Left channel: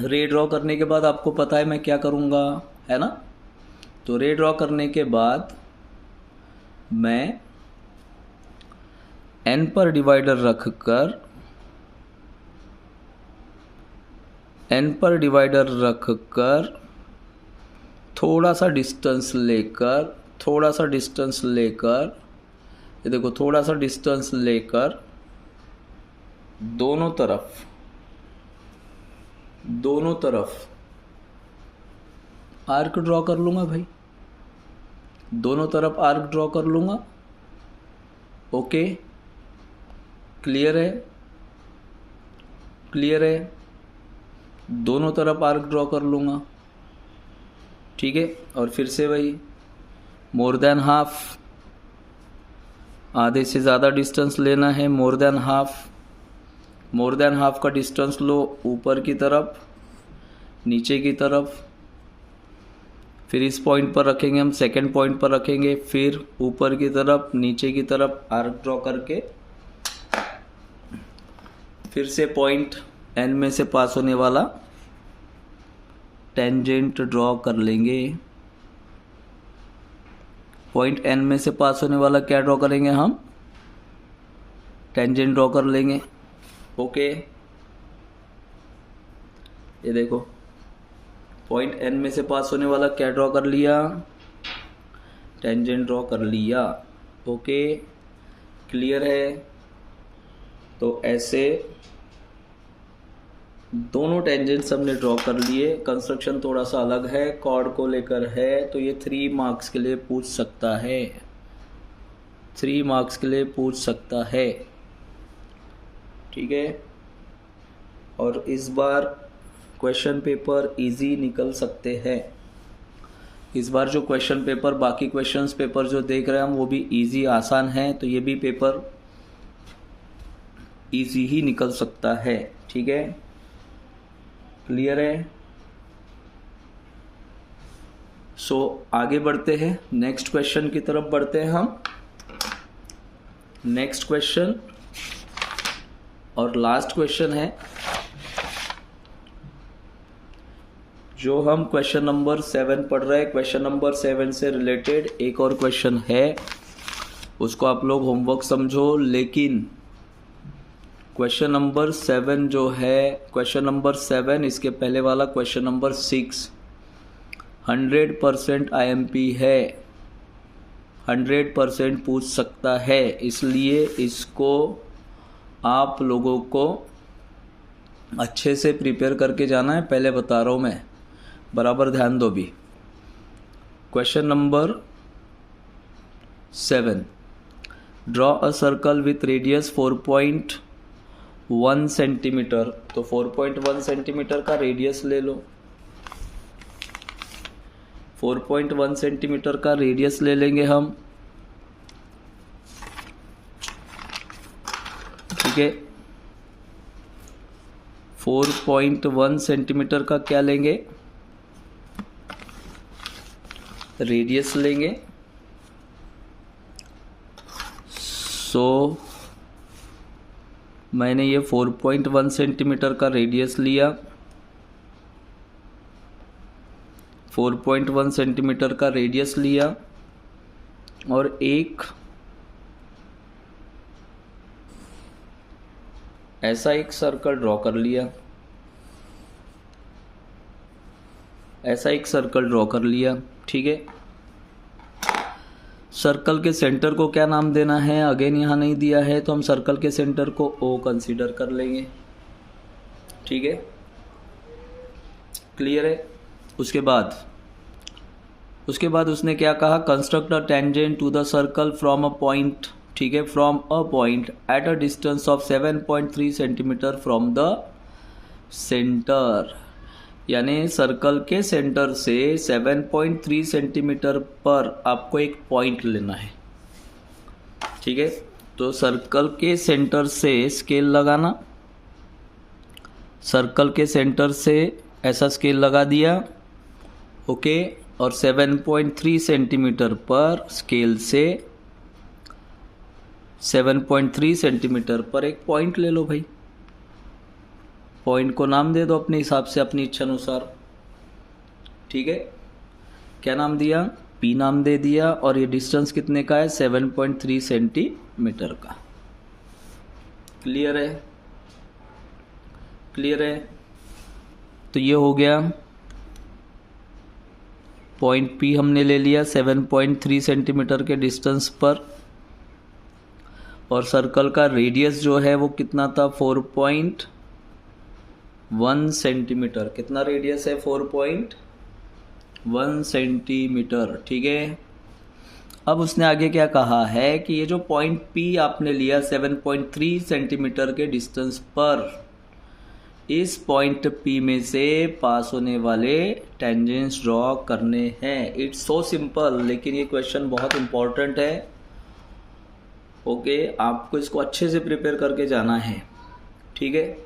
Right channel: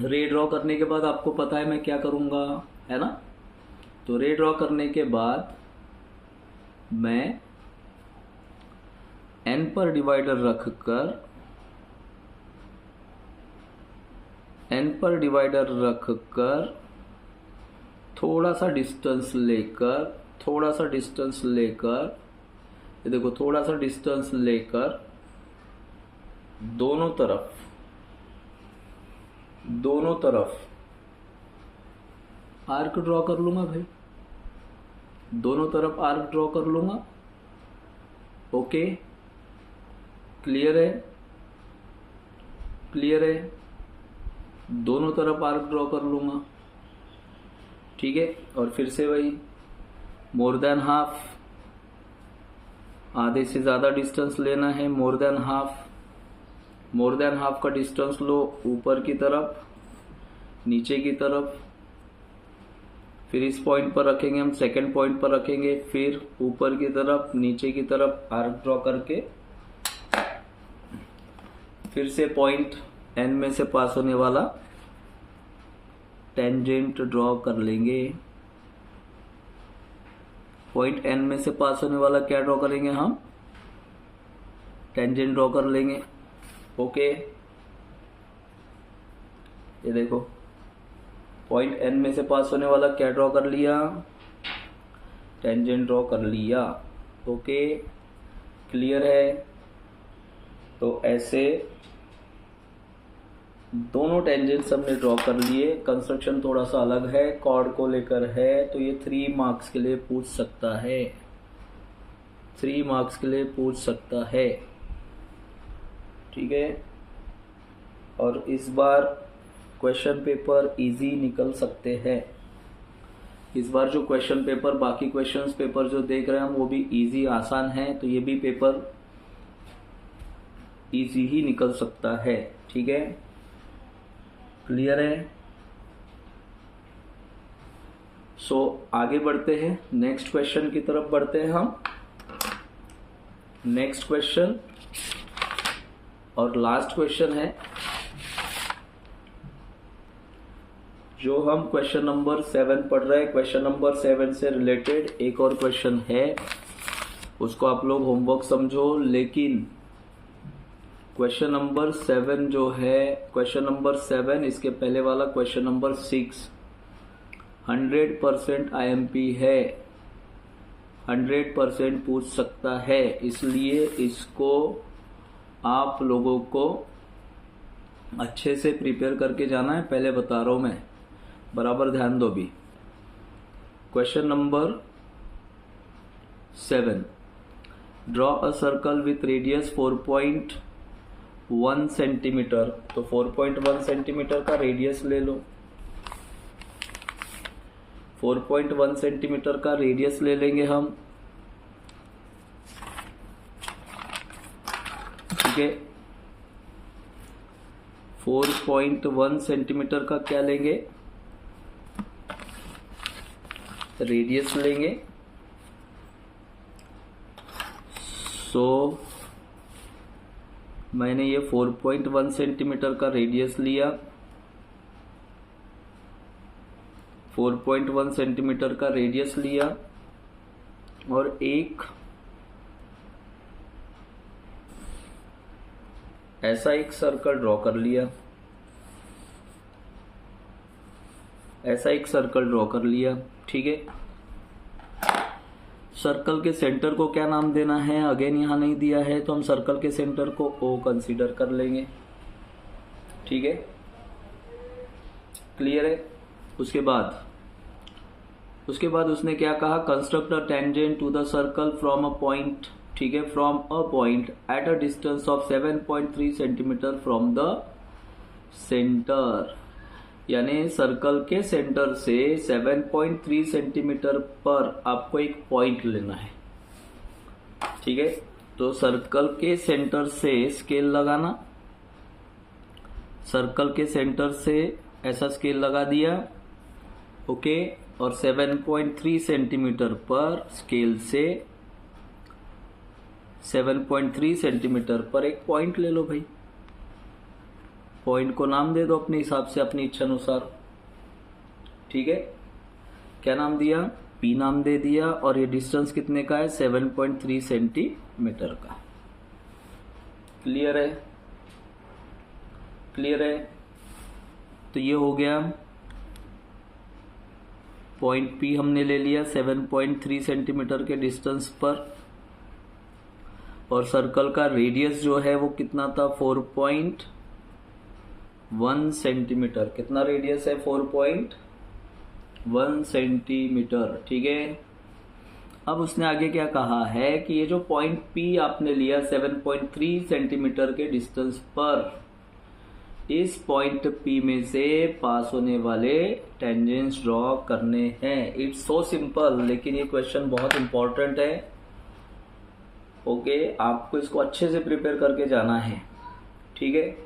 Ray draw करने के बाद आपको पता है मैं क्या करूँगा, है ना। तो रे ड्रॉ करने के बाद मैं एन पर डिवाइडर रखकर थोड़ा सा डिस्टेंस लेकर ये देखो, थोड़ा सा डिस्टेंस लेकर दोनों तरफ आर्क ड्रॉ कर लूँगा भाई, दोनों तरफ आर्क ड्रॉ कर लूँगा। ओके, क्लियर है, दोनों तरफ आर्क ड्रॉ कर लूँगा, ठीक है। और फिर से वही मोर देन हाफ, आधे से ज़्यादा डिस्टेंस लेना है, मोर देन हाफ का डिस्टेंस लो ऊपर की तरफ, नीचे की तरफ, फिर इस पॉइंट पर रखेंगे हम, सेकंड पॉइंट पर रखेंगे, फिर ऊपर की तरफ, नीचे की तरफ आर्क ड्रॉ करके फिर से पॉइंट एन में से पास होने वाला टेंजेंट ड्रॉ कर लेंगे। पॉइंट एन में से पास होने वाला क्या ड्रॉ करेंगे हम, टेंजेंट ड्रॉ कर लेंगे। ओके, ये देखो पॉइंट एन में से पास होने वाला क्या ड्रॉ कर लिया, टेंजेंट ड्रॉ कर लिया। ओके, क्लियर है। तो ऐसे दोनों टेंजेंट्स हमने ड्रॉ कर लिए। कंस्ट्रक्शन थोड़ा सा अलग है, कॉर्ड को लेकर है, तो ये 3 मार्क्स के लिए पूछ सकता है, 3 मार्क्स के लिए पूछ सकता है, ठीक है। और इस बार क्वेश्चन पेपर इजी निकल सकते हैं। इस बार जो क्वेश्चन पेपर, बाकी क्वेश्चंस पेपर जो देख रहे हैं हम वो भी इजी आसान है, तो ये भी पेपर इजी ही निकल सकता है, ठीक है। क्लियर है। सो आगे बढ़ते हैं, नेक्स्ट क्वेश्चन की तरफ बढ़ते हैं हम। नेक्स्ट क्वेश्चन और लास्ट क्वेश्चन है, जो हम क्वेश्चन नंबर 7 पढ़ रहे हैं। क्वेश्चन नंबर 7 से रिलेटेड एक और क्वेश्चन है, उसको आप लोग होमवर्क समझो। लेकिन क्वेश्चन नंबर 7 जो है, क्वेश्चन नंबर 7 इसके पहले वाला क्वेश्चन नंबर 6 100% IMP है, 100% पूछ सकता है, इसलिए इसको आप लोगों को अच्छे से प्रिपेयर करके जाना है। पहले बता रहा हूं मैं, बराबर ध्यान दो भी। Question number 7, draw a circle with radius 4.1 centimetre. तो 4.1 सेंटीमीटर का रेडियस ले लो, 4.1 सेंटीमीटर का रेडियस ले लेंगे हम, ठीक है। 4.1 सेंटीमीटर का क्या लेंगे, रेडियस लेंगे। सो मैंने ये 4.1 सेंटीमीटर का रेडियस लिया, 4.1 सेंटीमीटर का रेडियस लिया और एक ऐसा एक सर्कल ड्रॉ कर लिया, ऐसा एक सर्कल ड्रॉ कर लिया, ठीक है। सर्कल के सेंटर को क्या नाम देना है, अगेन यहाँ नहीं दिया है, तो हम सर्कल के सेंटर को O कंसीडर कर लेंगे, ठीक है। क्लियर है। उसके बाद उसने क्या कहा, construct a tangent to the circle from a point, ठीक है, from a point at a distance of 7.3 centimetre from the centre. यानी सर्कल के सेंटर से 7.3 सेंटीमीटर पर आपको एक पॉइंट लेना है, ठीक है। तो सर्कल के सेंटर से स्केल लगाना, सर्कल के सेंटर से ऐसा स्केल लगा दिया, ओके। और 7.3 सेंटीमीटर पर स्केल से 7.3 सेंटीमीटर पर एक पॉइंट ले लो भाई, पॉइंट को नाम दे दो अपने हिसाब से, अपनी इच्छा अनुसार। ठीक है, क्या नाम दिया? पी नाम दे दिया। और ये डिस्टेंस कितने का है? 7.3 सेंटीमीटर का। क्लियर है? क्लियर है? तो ये हो गया पॉइंट पी हमने ले लिया 7.3 सेंटीमीटर के डिस्टेंस पर, और सर्कल का रेडियस जो है वो कितना था? 4.1 सेंटीमीटर। कितना रेडियस है? 4.1 सेंटीमीटर। ठीक है, अब उसने आगे क्या कहा है कि ये जो पॉइंट पी आपने लिया 7.3 सेंटीमीटर के डिस्टेंस पर, इस पॉइंट पी में से पास होने वाले टेंजेंट्स ड्रॉ करने हैं। इट्स सो सिंपल, लेकिन ये क्वेश्चन बहुत इंपॉर्टेंट है। ओके, आपको इसको अच्छे से प्रिपेयर करके जाना है। ठीक है,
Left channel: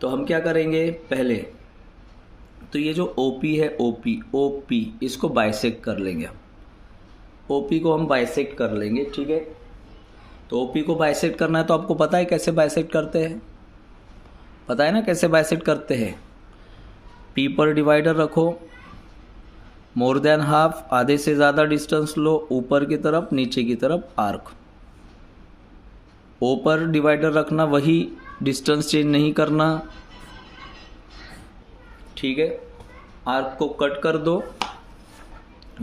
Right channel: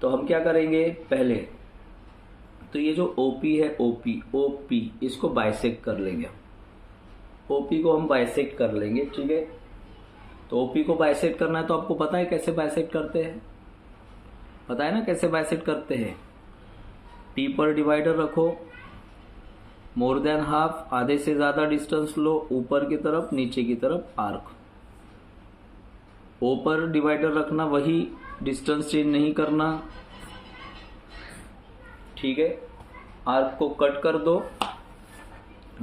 तो हम क्या करेंगे पहले, तो ये जो ओपी है, ओपी इसको बाइसेक्ट कर लेंगे। ओपी को हम बाइसेक्ट कर लेंगे। ठीक है, तो ओपी को बाइसेक्ट करना है तो आपको पता है कैसे बाइसेक्ट करते हैं? पता है ना कैसे बाइसेक्ट करते हैं? पी पर डिवाइडर रखो, मोर देन हाफ, आधे से ज़्यादा डिस्टेंस लो, ऊपर की तरफ नीचे की तरफ आर्क। ओ पर डिवाइडर रखना, वही डिस्टेंस चेंज नहीं करना। ठीक है, आर्क को कट कर दो,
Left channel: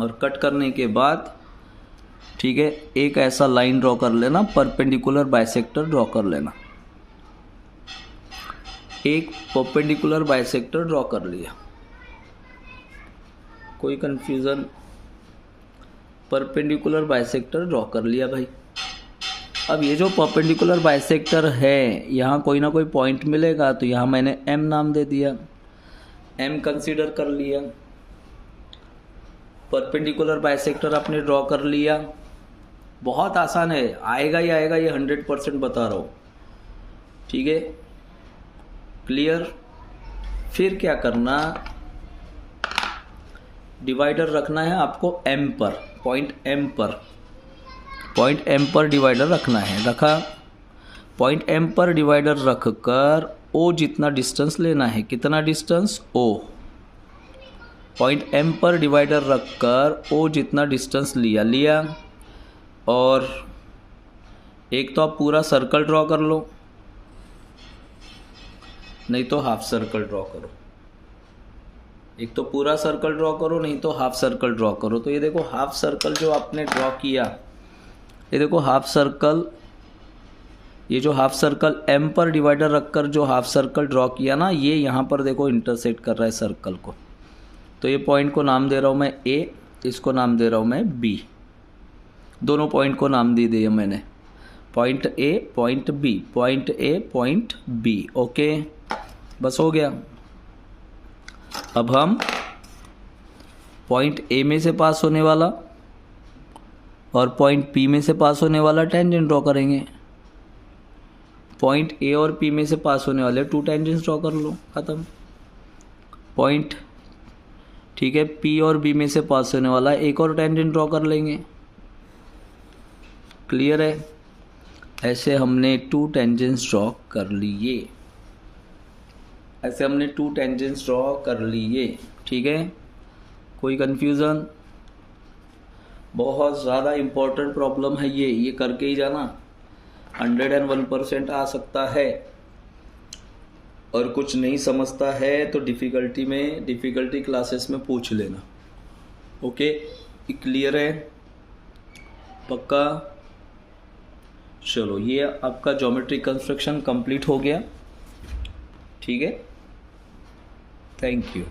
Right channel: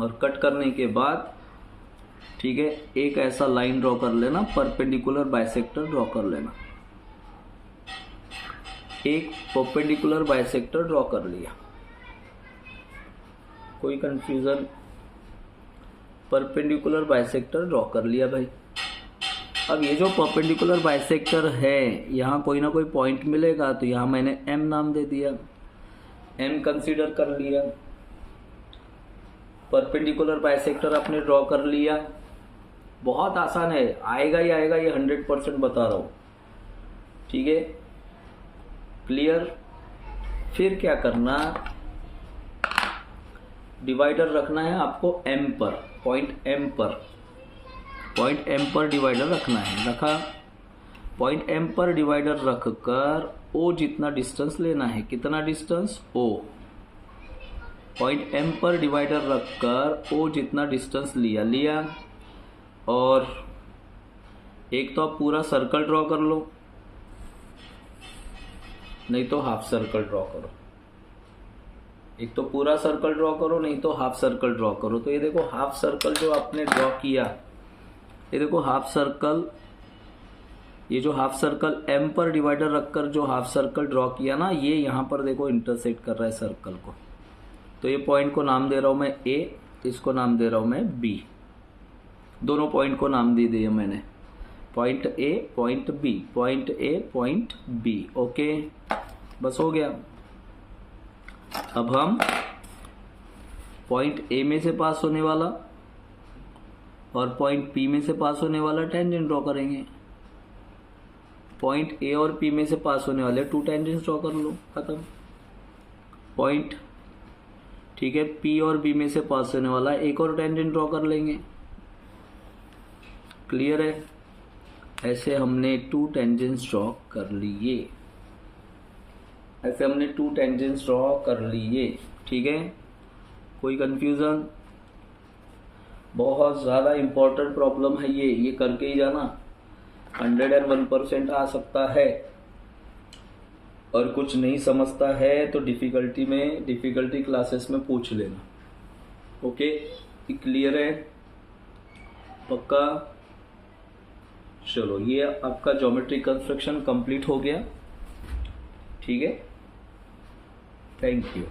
और कट करने के बाद ठीक है एक ऐसा लाइन ड्रॉ कर लेना, परपेंडिकुलर बाइसेक्टर ड्रॉ कर लेना। एक परपेंडिकुलर बाइसेक्टर ड्रॉ कर लिया, कोई कंफ्यूजन? परपेंडिकुलर बाइसेक्टर ड्रॉ कर लिया भाई। अब ये जो परपेंडिकुलर बाइसेक्टर है, यहाँ कोई ना कोई पॉइंट मिलेगा, तो यहाँ मैंने एम नाम दे दिया, एम कंसीडर कर लिया। परपेंडिकुलर बाइसेक्टर आपने ड्रॉ कर लिया, बहुत आसान है, आएगा ही आएगा, ये 100% बता रहा हूँ। ठीक है, क्लियर? फिर क्या करना, डिवाइडर रखना है आपको एम पर, पॉइंट एम पर डिवाइडर रखना है। रखा, पॉइंट एम पर डिवाइडर रखकर ओ जितना डिस्टेंस लेना है। कितना डिस्टेंस? ओ। पॉइंट एम पर डिवाइडर रखकर ओ जितना डिस्टेंस लिया। और एक तो आप पूरा सर्कल ड्रॉ कर लो, नहीं तो हाफ सर्कल ड्रॉ करो। एक तो पूरा सर्कल ड्रॉ करो, नहीं तो हाफ सर्कल ड्रॉ करो। तो ये देखो हाफ सर्कल जो आपने ड्रॉ किया, ये देखो हाफ सर्कल, ये जो हाफ सर्कल एम पर डिवाइडर रखकर जो हाफ सर्कल ड्रॉ किया ना, ये यहाँ पर देखो इंटरसेक्ट कर रहा है सर्कल को। तो ये पॉइंट को नाम दे रहा हूँ मैं ए, इसको नाम दे रहा हूँ मैं बी। दोनों पॉइंट को नाम दे दिया मैंने, point A point B, point A point B. Okay, बस हो गया। अब हम पॉइंट ए में से पास होने वाला और पॉइंट पी में से पास होने वाला टेंजेंट ड्रॉ करेंगे। पॉइंट ए और पी में से पास होने वाले 2 टेंजेंट्स ड्रॉ कर लो, खत्म। पॉइंट ठीक है पी और बी में से पास होने वाला एक और टेंजेंट ड्रॉ कर लेंगे। क्लियर है? ऐसे हमने 2 टेंजेंट्स ड्रॉ कर लिए, ऐसे हमने 2 टेंजेंट्स ड्रॉ कर लिए। ठीक है, कोई कंफ्यूजन? बहुत ज़्यादा इम्पोर्टेंट प्रॉब्लम है ये करके ही जाना, 101% आ सकता है। और कुछ नहीं समझता है तो डिफ़िकल्टी क्लासेस में पूछ लेना। ओके, क्लियर है? पक्का? चलो, ये आपका ज्योमेट्री कंस्ट्रक्शन कंप्लीट हो गया। ठीक है, थैंक यू।